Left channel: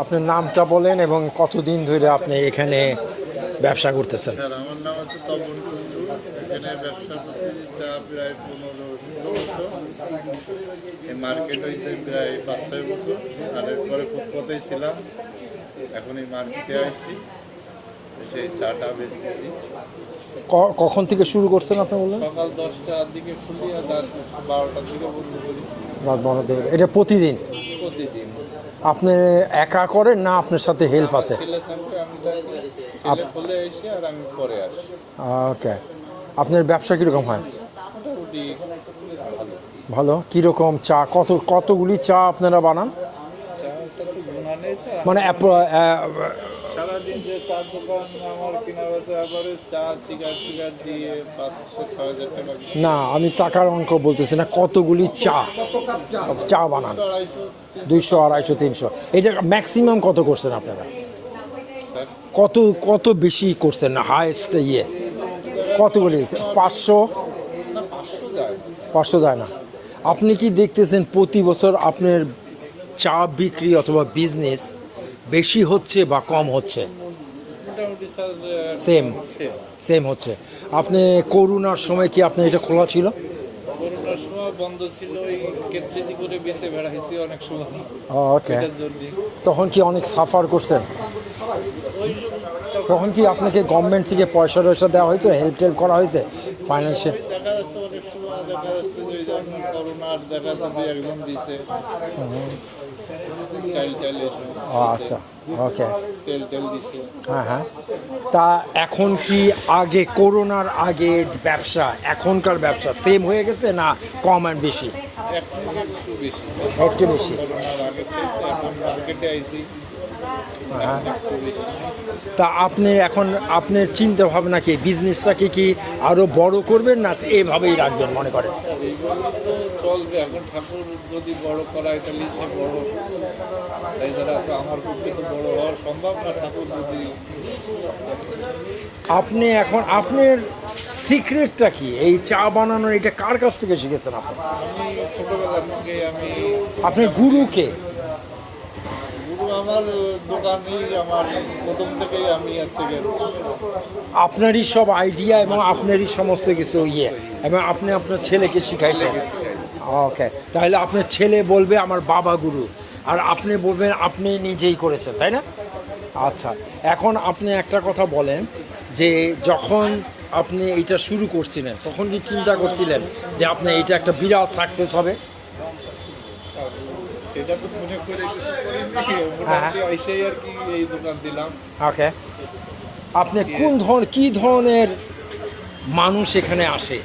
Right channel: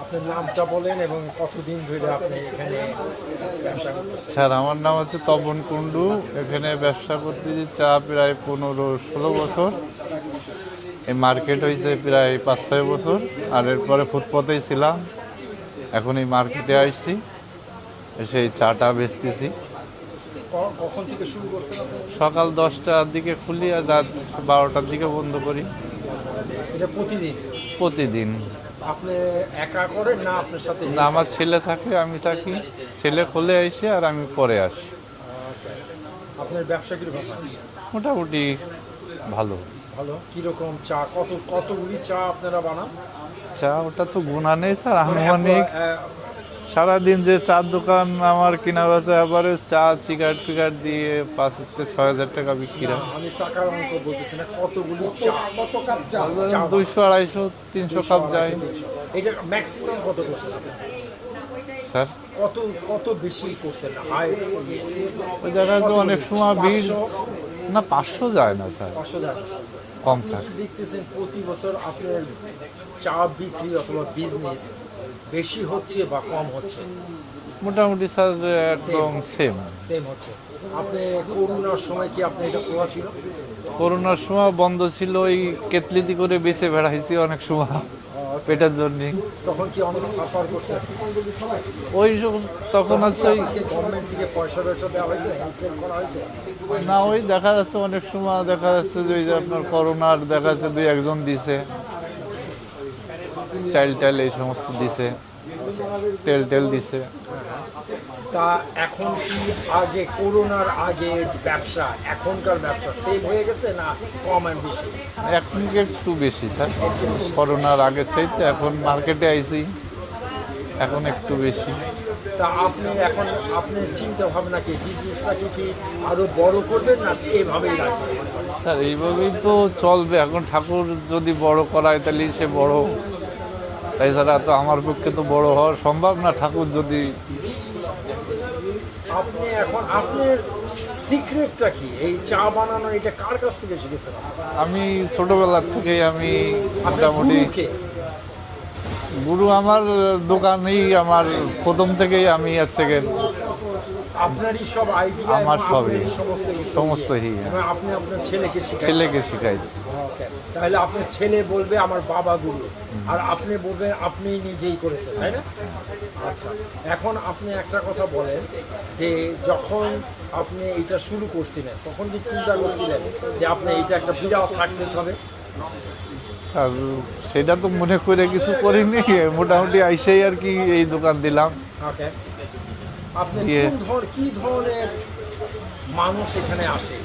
আপনার নামটা বলেন এবং কতদিন ধরে আপনি এখানে ব্যবসা করতেছেন? স্যার আমার নাম হচ্ছে তপন কুন্ডু এখানে ব্যবসা করতেছি চা প্রায় পনেরো ষোলো বছর। এই মার্কেট হয়েছে প্রায় পাঁচ ছয় বছর। আর এরপরে ফুটপথেই ছিলাম। এখন এই মার্কেটে আসছি। সেই চাটা বেচতেছি। কখন থেকে শুরু করছেন আপনি বললেন? সকাল দশটার দিকে খুলি আর রাত বারোটার দিকে বন্ধ করি। রাত বারো থেকে এটা প্রতিদিন? প্রতিদিন। আপনি একা করেন না আপনার সাথে হেল্প আমার আছে? ছেলে থাকে আমি থাকি। ছেলে খোলে এসে আর আমি পরে আসি। ওকে আপনার ব্যবসা কীরকম হয়? মোটামুটি ভালো। ভালো? কীরকম চা? কত কতগুলি চা আপনারা বানান? চা ওটা তো গুণা নেই স্যার মানে সারাদিন যে চার দোকান আমার কিনা বেচা এভারেজ চা সিগারেট ফিগারেট দিয়ে পাঁচ থেকে ছয় হাজার টাকা বিক্রি না আমি টাকার অঙ্ক বলতেছি না কতগুলি চা? চা দুইশো আড়াইশো দুইশো আড়াইশো। তিনশো। এটা ম্যাক্সিমাম কত করছেন আপনারা? স্যার? কত কত বেশি করছেন না? হাইস্ট ইয়ে। কত পাঁচশো? না পাঁচশো যায় না স্যার। পাঁচশো যায় না। আপনি কি দেখতেছেন প্রতি বছর আপনার চা বিক্রি অথবা বিজনেস বেশি হচ্ছে বা কম হচ্ছে? মোটামুটি স্যার সেম সেম সেম হচ্ছে। আপনি করোনার সময় কি আপনি এটা খোলা ছিল? করোনার সময় বন্ধ ছিল ওই কেতলিতি করে বেঁচে বেড়াইছি অনেক সময়. পেটার জন্য। তখন কি অনেক সাফার করছেন? ওই তখন কি আপনাকে গভর্নমেন্ট থেকে পয়সা টয়সা দেওয়া হয়েছে? হেল্প টেল্প করা হয়েছে? ফাইন্যান্সিয়াল ওই দেখা যাচ্ছে অনেক সময় দেখা যাচ্ছে যে ওই যে আপনার করোনার দেখা যাচ্ছে দুই একজন দিছে। চাইল্ড টাইল এই সমস্ত দিছে। আচ্ছা ওকে। তেল টেল দিছে। হ্যাঁ হ্যাঁ তা এখন কি আগে করোনার আগে ব্যবসা এখনকার ব্যবসা সেম হয়ে গেছে না কম আর বেশি? এখন একটু বেশি স্যার। একটু বেশি। করোনার আগের চাইতে এখন মার্কেটে আইছি। এখন একটু বেশি। তা আপনি এখন আপনার চিন্তা ভাবনা কি? বিজনেসটাকে কি আরও বড় করবেন না এইভাবেই রাখবেন মনে করেন? স্যার এইভাবেই তো চলবে। এখন ঠাকুর যদি বড় করায় তাহলে সে বড় তাছাড়া তো আমার পক্ষে তো বড় হওয়া সম্ভব না ঠাকুর যদি আপনি এখন আপনার সিক্রেটটা কি? এই চা বানানোর এটা কার কাছ থেকে শিখেছেন আপনি? আমি ছোটবেলার থেকে আমি মোটামুটি- গুরুকে গুরু আমার দোকানেই আমার প্রথম থেকেই আমি আর সেকেন্ড আপনারই সব আইডিয়া এবং আপনারই সমস্ত কিছু ইয়ে। ইয়ে। এবং আপনি আপনার ছেলেকে শিখাই ছেলেকে শিখাইছি। ওকে তাহলে আপনার ছেলে বলবে আমার বাবা গুরু। আর আপনি বলবেন আপনি নিজেই করেছেন তাই না? আচ্ছা এখন আপনি একটা কথা বলেন যে যখন আপনি এটা শুরু করছিলেন তখন কি চিন্তা করছিলেন যে আপনি এটা একটা বিরাট সাকসেস হবে? সেটা তো মনে করে কিছু করিনি। মোটামুটি আইসেই আর কি এই দোকান দিলাম। ওকে। আপনি কি- কোন ধরনের কি ধরনের মানুষ এখানে আসে?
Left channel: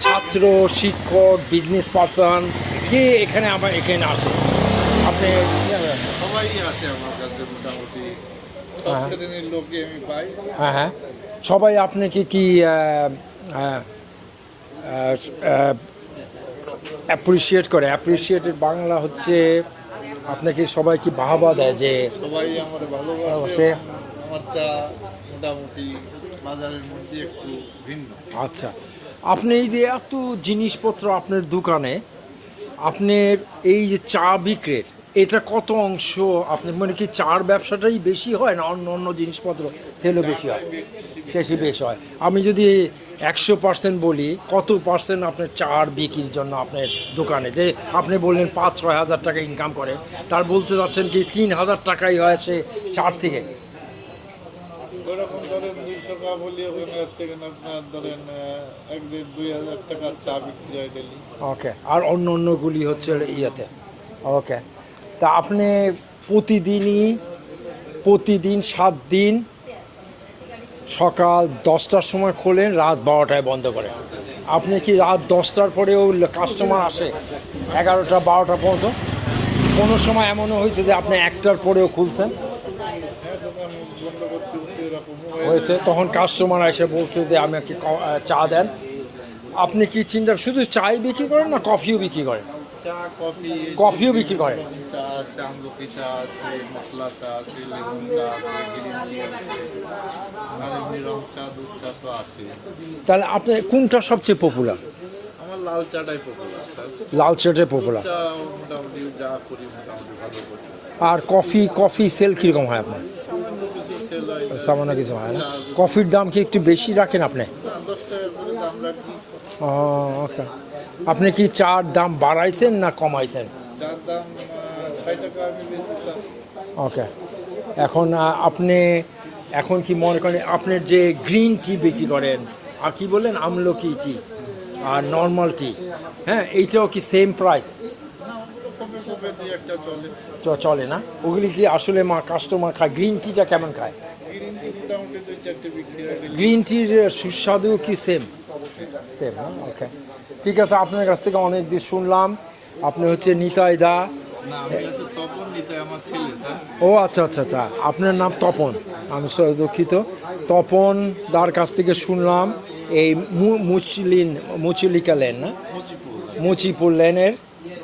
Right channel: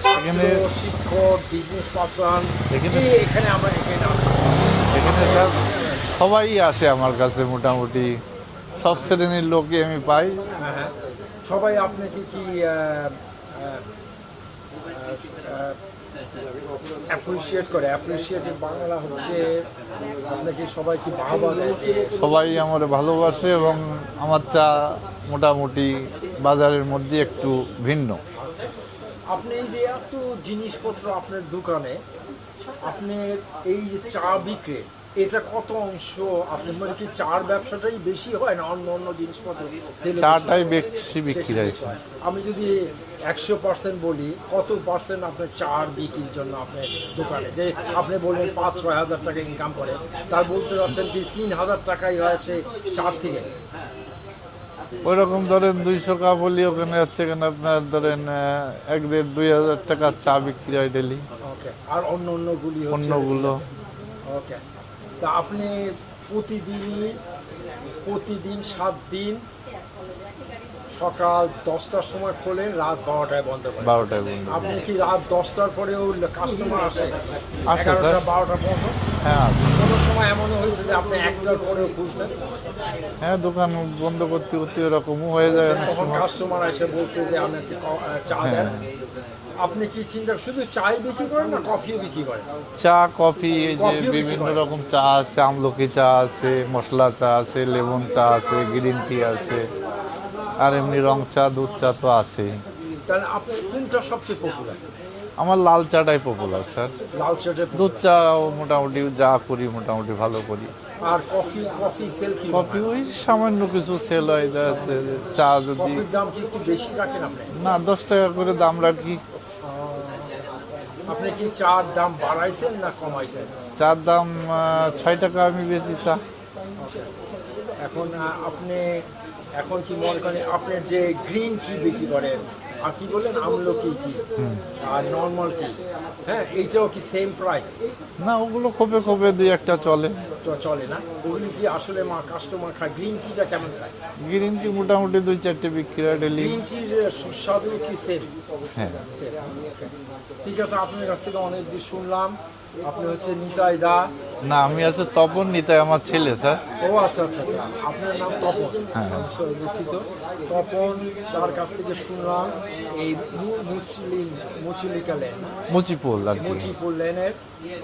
ছাত্র শিক্ষক বিজনেস পারসন কে এখানে আবার এখানে আসে? সবাই আসে আমার কাছে মোটামুটি। সব শ্রেণির লোকই আমি পাই। হ্যাঁ হ্যাঁ। সবাই আপনাকে কি অ্যাপ্রিসিয়েট করে? অ্যাপ্রিসিয়েটেড বাংলা হচ্ছে আপনাকে সবাই কি বাহবা দেয় যে সবাই আমার ভালোবাসে এবং আমার চা মোটামুটি বাজারের মধ্যে একটু ভিন্ন। আচ্ছা। আপনি এই যে এত জিনিসপত্র আপনার দোকানে আপনার এই যে চা বিক্রির এটা কত অংশ? আপনার মানে কি চার ব্যবসাটাই বেশি হয় না অন্য অন্য জিনিসপত্র? সেলও বেশি বেশি হয়। আমি যদি একশো পার্সেন্ট বলি কত পার্সেন্ট আপনার চার বিক্রির জন্য আপনার দোকানে? যে আপনি বললেন পাঁচ ছয় হাজার টাকা ইনকাম করে তার বলতে যাচ্ছেন কি তিন হাজার টাকাই হয় সে চার থেকে? ওই রকম ধরেন দুইশো কা বলি ওখানে আছে এখানে আপনার ধরেন এক দেড় দুই হাজার টাকা চা বিক্রি হয় ডেলি ওকে আর অন্য অন্যগুলি হচ্ছে। ওকে তা আপনি প্রতিদিনই প্রতিদিন সাত দিন সকাল দশটার সময় খোলেন রাত বারোটায় বন্ধ করেন। বারোটায় আপনি কি রাত দশটার পরেও কাস্টমার আসে? এগারোটা বারোটা পর্যন্ত হ্যাঁ। কোনো সময় এমনও হয়েছে যে আপনি একটার পরেও খুলছেন? হ্যাঁ দোকান বন্ধ করতে করতে এরকমও হয়ে হয়েছে তখন কাস্টমার এসে বলছে যে আমাকে ক- চা দেন। আপনি কি চিন্তা শুধু চাই বিক্রি করেন না কফিও বিক্রি করেন? চা কফি এই কফিও বিক্রি করে? রকম চা আছে আমলকি চা আছে মশলা চা আছে লেমন চা আছে গ্রিন টি আছে আর এমনি রং চা দুধ চা তো আছে। তাহলে আপনি কোনটা সবচেয়ে পপুলার আমার লাল চাটাই পপুলার স্যার। লাল চাটে দুধ পপুলার চাও মোটামুটি যা করি মোটামুটি ভালো করি। আর কফি কফি সেল কীরকম হয়? সামান্য কিছু সেল হয় সামান্য কিছু চা কফির দাম কি একটু বেশি রাখেন আপনি? না দশ টাকা করে দাম রাখি। ও, ওকে আপনি কি চার দাম বাড়াইছেন না কমাইছেন? চার দাম ছয় টাকা আমি বেশি চা। ওকে। এখন আপনি এখন কি মনে করেন আপনার যে গ্রিন টি বিক্রি করেন আর কি বলেন আমলকি টি? আর নর্মাল টি? হ্যাঁ এইটাও কি সেম প্রাইস না ওগুলো খোপে খোপে দুই একটা চলে। চলে না? ওগুলি কি আসলে মা কাস্টমার খায়? গ্রিন টিটা কেমন খায়? গ্রিন টি মোটামুটি দুই চারটে বিক্রি হয় গ্রিন টির সুস্বাদু কি সেম হ্যাঁ। Same okay. ঠিক আছে আপনার কাছ থেকে অনেক দিন শুনলাম। আপনি হচ্ছে নিতাই দা। না আমি আছে তপন নিতাই আমার ছেলে স্যার। ও আচ্ছা আচ্ছা আচ্ছা। আপনার নাম তপন? আমি সরি দুঃখিত। তপন দার কাছ থেকে শুনলাম এই মুচলিন মুচলিকা লেন না? মুচিপুল আর মুচিপুর লেনের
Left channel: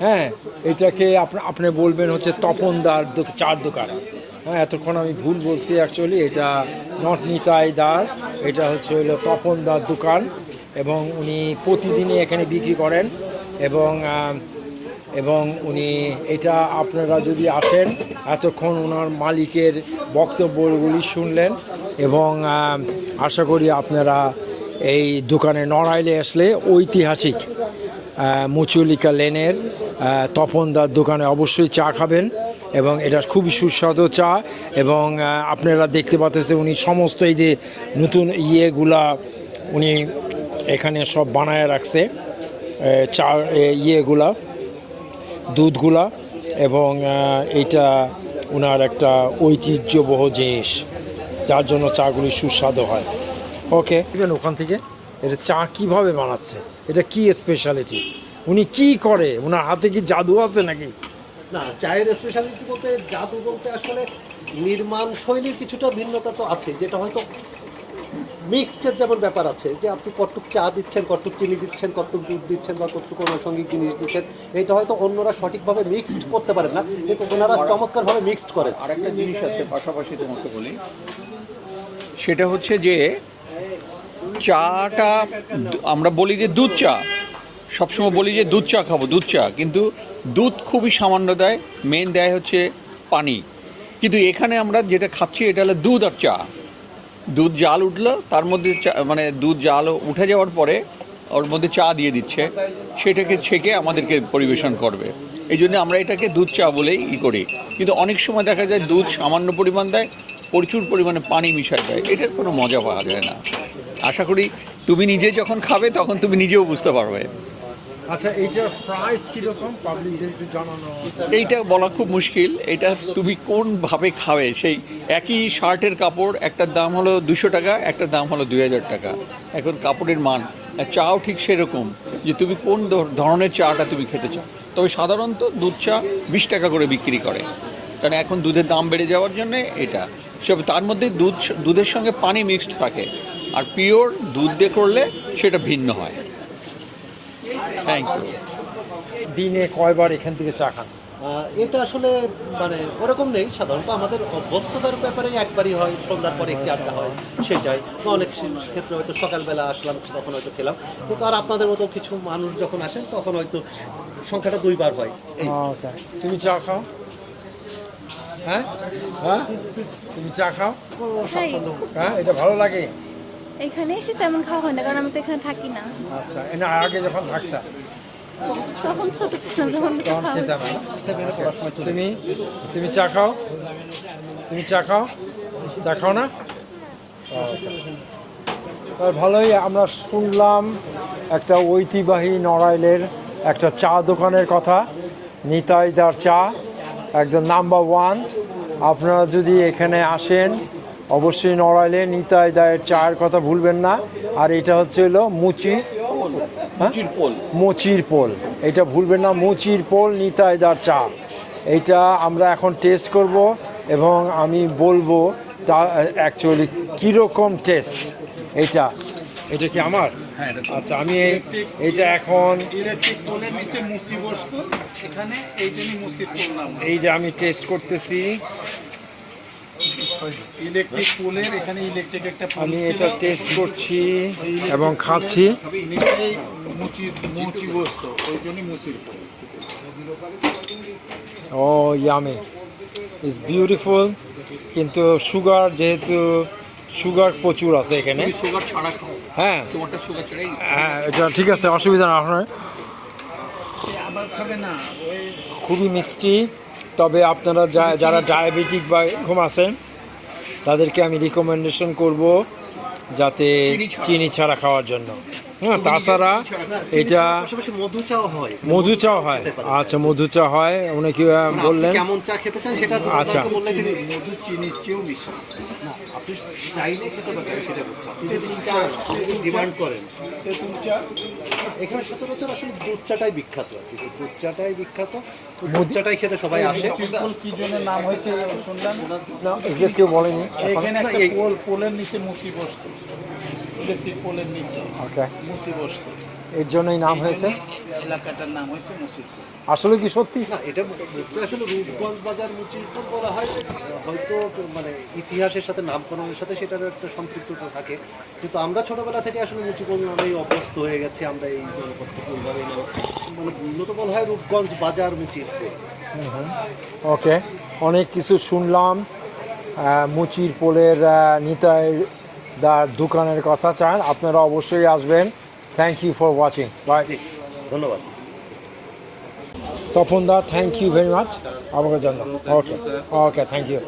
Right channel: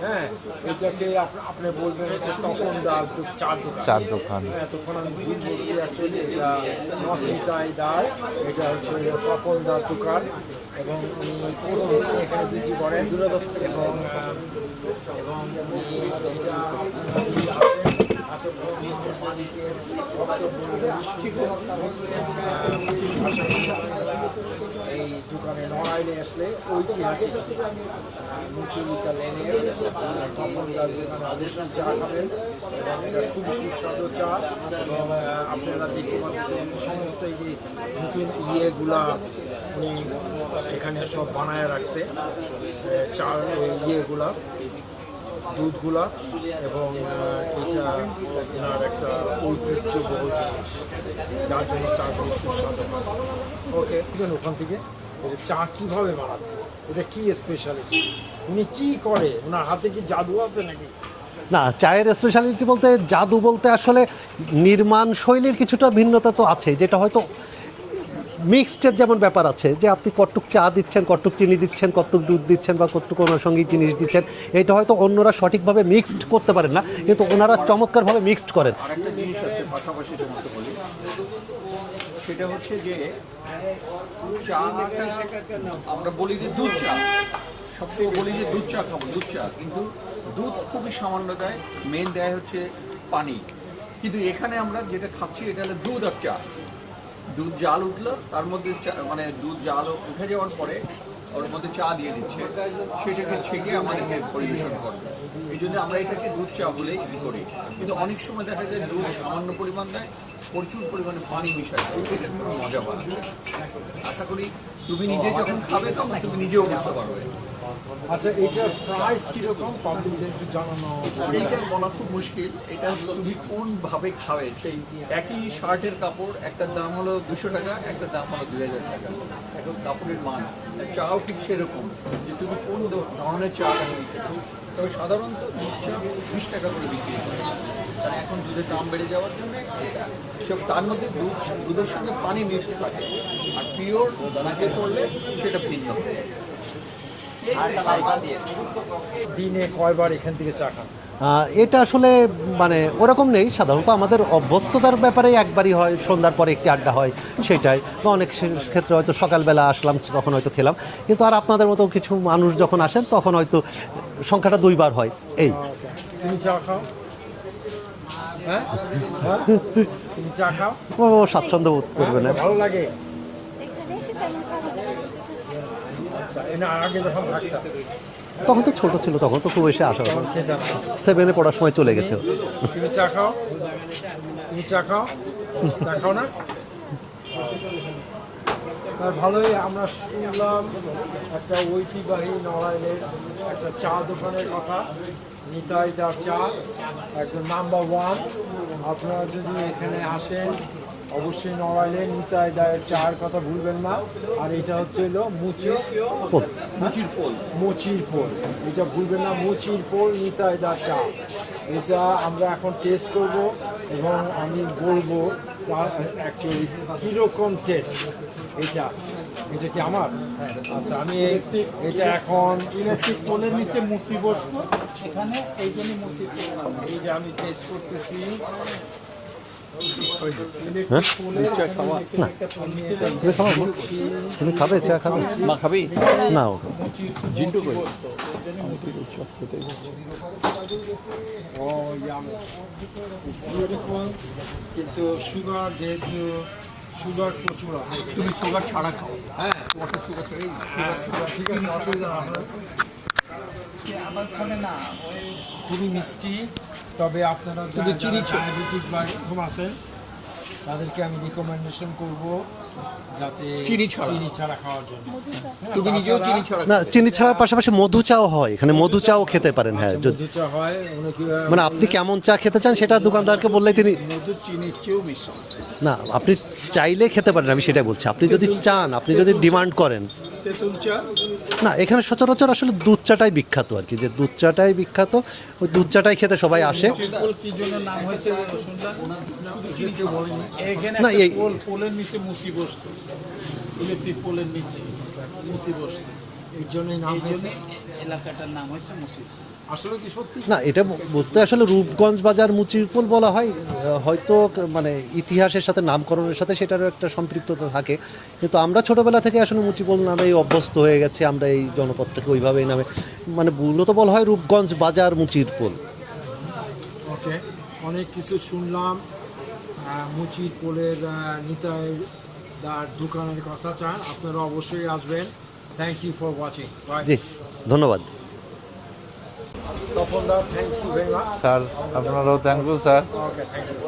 হ্যাঁ? এটাকে আপনি আপনি বলবেন হচ্ছে তপন দার চার দোকান। চার দোকান। হ্যাঁ এতক্ষণ আমি ভুল বলছি অ্যাকচুয়ালি এটা নট নিতাই দার এটা হচ্ছে হলো তপন দার দোকান। এবং উনি প্রতিদিনই এখানে বিক্রি করেন এবং এবং উনি এটা আপনারা যদি আসেন, এতক্ষণ ওনার মালিকের বক্তব্যগুলি শুনলেন এবং আশা করি আপনারা এই দোকানে নড়াইলে আসলে ঐতিহাসিক মুচুলিকা লেনের তপনদার দোকানে অবশ্যই চা খাবেন এবং এটা খুবই সুস্বাদু চা এবং আপনারা দেখতে পাচ্ছেন উনি সমস্ত এই যে নতুন ইয়েগুলা উনি এখানে সব বানায় রাখছে চা ইয়েগুলা দুধগুলা এবং এটা ওনার একটা ঐতিহ্যবহ জিনিস যার জন্য চাগুলি সুস্বাদু হয়। ওকে ওখান থেকে এটা চা কীভাবে বানাচ্ছে? এটা কি স্পেশালিটি উনি কি করে? ওনার হাতে কি জাদু আছে নাকি? না চায়ের স্পেশালিটি বলতে জাদু বলতে আসলে নির্মাণ শৈলীর কিছুটা ভিন্নতা তো আছে যেটা হয়তো মিক্সডের যেমন ব্যাপার আছে, যে আপনি কতটুক চা দিচ্ছেন কতটুক চিনি দিচ্ছেন কতটুক দুধ দিচ্ছেন বা কতটুক অনুষঙ্গিক জিনিস দিচ্ছেন, এটা হয়তো অন্যরা সঠিকভাবে মিক্সড করতে পারেন না, কিন্তু ওনারা চমৎকারভাবে মিক্সড করেন। সেটা হচ্ছে যে চাটা, আমরা বলি যে দুধ চা, সবসময় বলি যে দুধ চা খাব, দুধ চা, কিন্তু দুধ খুবই সামান্য দেয় মেন দেয় হচ্ছে পানি। কিন্তু এখানে আমরা যেটা খাচ্ছি, এটা হলো দুধ আর চা। দুধ জাল উঠল, তার মধ্যে মানে দুধ জাল উঠে যাওয়ার পরে ওর মধ্যে চা দিয়ে দিচ্ছে। সেটাকে ছেঁকে আমাদেরকে পরিবেশন করবে। এই জন্য আমরা এটাকে দুধ চা বলেই ই করি। কিন্তু অনেক সময় দেখা যায় দুধ সামান্য পরিমাণ দেয়, প্রচুর পরিমাণে পানি মিশায় দেয়। এটার কোনো মজা পাওয়া যায় না। আশা করি তুমি নিজে যখন খাবে, তখন তুমি নিজেও বুঝতে পারবে। আচ্ছা এইটা বলা খুব মুশকিল। এটা তুমি কোনভাবে খাবে? সেই একই শার্টের কাপড় একটার দাম হলো দুশো টাকা একটার দাম হলো দুই হাজার টাকা। এখন কাপড়ের মান। চাও ঠিক সেরকম যে তুমি কোন ধরনের চাটা তুমি খেতে চাও। তবে সাধারণত দুধ চা বিশ টাকা করে বিক্রি করে। কারণ এখন দুধের দাম বেড়ে যাওয়ার জন্যে এটা। সব তার মধ্যে দুধ, দুধের সঙ্গে পানি মিক্সড থাকে। আর পিওর দুধ দিয়ে করলে সেটা ভিন্ন হয়. দিনে কয়বার এখান থেকে চা খান? এটা আসলে মানে ওরকম নেই। সাধারণত আমাদের অভ্যস্ততার ব্যাপারে একবারই হয় সন্ধ্যার পরে একটি আড্ডা হয় সেটাই। বা অনেক ক্ষেত্রে হয়তো সকালবেলা আসলাম তখন হয়তো খেলাম। কিন্তু আর আপনাদের মতো কিছু মানুষ যখন আসেন তখন হয়তো সংখ্যাটা দুইবার হয়। এই। তুমি চা খাও? হ্যাঁ? হ্যাঁ? তুমি চা খাও? ও স্বাচ্ছন্দ্য বোধ হ্যাঁ করবেন। ভালো লাগে। এখানে এসে তেমন খাওয়া হয় না কারণ আমি তো এখানে থাকি না। আচ্ছা এনা আগে যখন থাকতাম। তখন তো ছোট ছিল তখন তো খুব বেশি আসা সেভেনে পড়ার সময় চলে গেছে। তুমি চা খাও? তুমি চা খাও? চা খাও না? ভালোই আমরা শুনলাম একটা ঐতিহ্যবাহী নড়াইলের একটা চা দোকানের কথা। নিতাইদার চা একদম নাম্বার ওয়ান আপনারা যদি এখানে আসেন অবশ্যই নড়াইলে নিতাইদায়ের চার কথা ভুলবেন না। আর এটা হচ্ছে হলো মুচি হ্যাঁ? মুচির পোল। এটা ভুলবেন না মুচির পোল নিতাইদার চা। এটা আমরা এখন টেস্ট করব এবং আমি বলব তা অ্যাকচুয়ালি কীরকম টেস্ট এটা। এটা কি আমার? আচ্ছা আমি এটা এখন এই যে আমি টেস্ট করতেছি। এবং খাচ্ছি না ও ইয়ামি ইজ বিউটিফুল কিন্তু সুগার যেহেতু সুগার প্রচুর আছে এখানে সুগার ছাড়া হ্যাঁ তোমাকে হ্যাঁ, ঠিক আছে অসুবিধা না আপনার খুবই মিষ্টি তবে আপনারা যা- যারা ডায়াবেটিক বা এরকম আছেন তাদেরকে আমি রিকমেন্ডেশন করব যাতে চিনি ছাড়া। খাওয়ার জন্য। তাছাড়া চিনি ছাড়া না চিনি পাশাপাশি মধু চাও হয় এখানে মধু চাও খেতে পারেন হ্যাঁ, আচ্ছা মধু চা হয় অনেকে মানে আপনি কেমন চা খেতে চান সেটা দোকানদারকে আচ্ছা। বললে তিনি মধু চিনির চেয়েও মিষ্টি। না আপনি চাইলে খেতে পারেন আমি সেটা বলছি। আপনি যদি চান আপনি যদি ডিমান্ড করেন। তেঁতুল চা না এখানে সচরাচর আসলে দুধ চাটাই বিখ্যাত আর কি যে দুধ চাটাই বিখ্যাত ওই দুধ চাটাই খেতে সবাই আসে। না, পোলের নিচে মুসি বসতো। ইলেকট্রিক পোলের নিচে। ওকে মুসি বসতো। এর জন্যই নাম হয়েছে? এলাকাটার নাম হয়েছে মুসি আসলে কি সত্যি? না এটা বলতে আসলে রূপগঞ্জ বাজার মুচিরপুল বলা হয় হয়তো মানে ইতিহাসের সাথে নামকরণের সাথে সেটারও একটা সম্পৃক্ততা থাকে। কিন্তু আমরা ছোটবেলা থেকে আসলে মুচিপুল নামেই অভ্যস্ত হয়ে গেছি আমরা এই জনপদটাকে ওইভাবেই নামে। মানে মূলত বলা হয় রূপগঞ্জ বাজার মুচিরপুল ওকে অনেক কিছু শুনলাম। মুচির পোলের নিতাই দার দোকানের কথা চান আপনারা অবশ্যই আসবেন। Thank you for watching bye ji ধন্যবাদ। Tapan da thank you very much sir, আপনারাও thank you sir. Okay thank you